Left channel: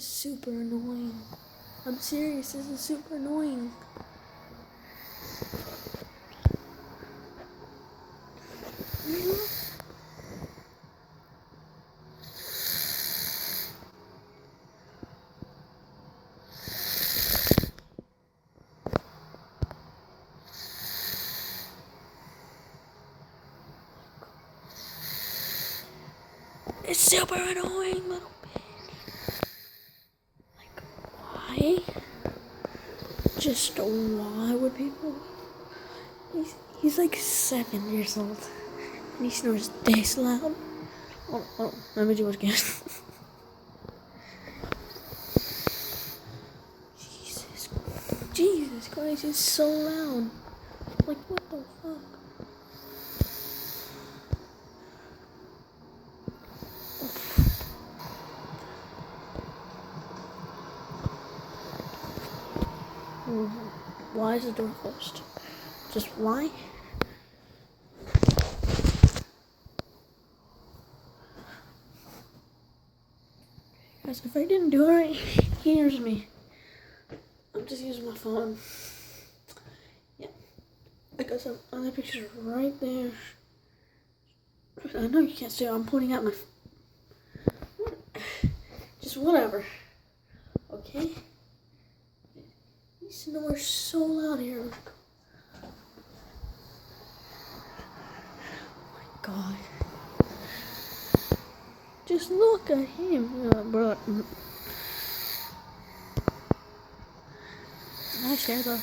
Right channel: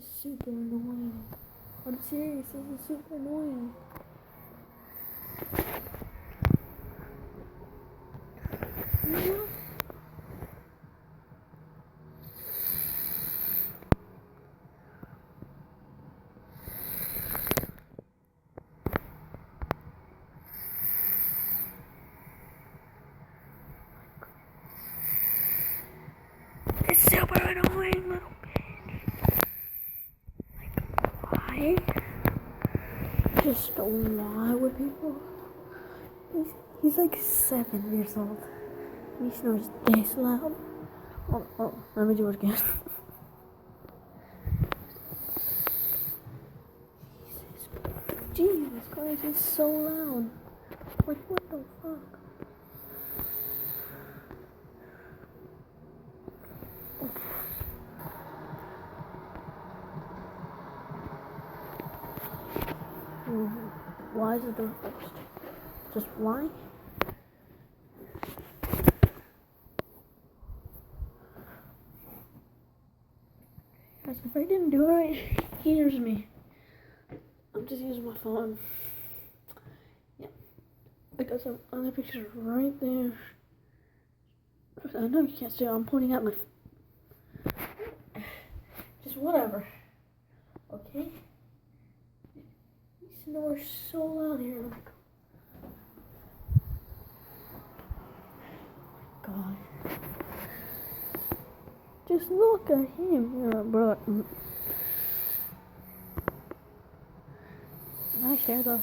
is super annoying. I'm serious, this is super annoying. It's super annoying, little bitch. Like, why? Just why would people? He's like 7 years old. And he snores this loud. Oh, let me do it again. Jesus Christ, it's so loud. Like, what the fuck? Why is the door closed? Just why? Guys, if I didn't do it right, he hears me. I'm just using my phone. Yeah. I got some other pictures right there. I know you can't see it. I'm pointing out my... Just whatever. Okay? He snores so loud here. Oh my god. Just look at him, bro. Nice hair though.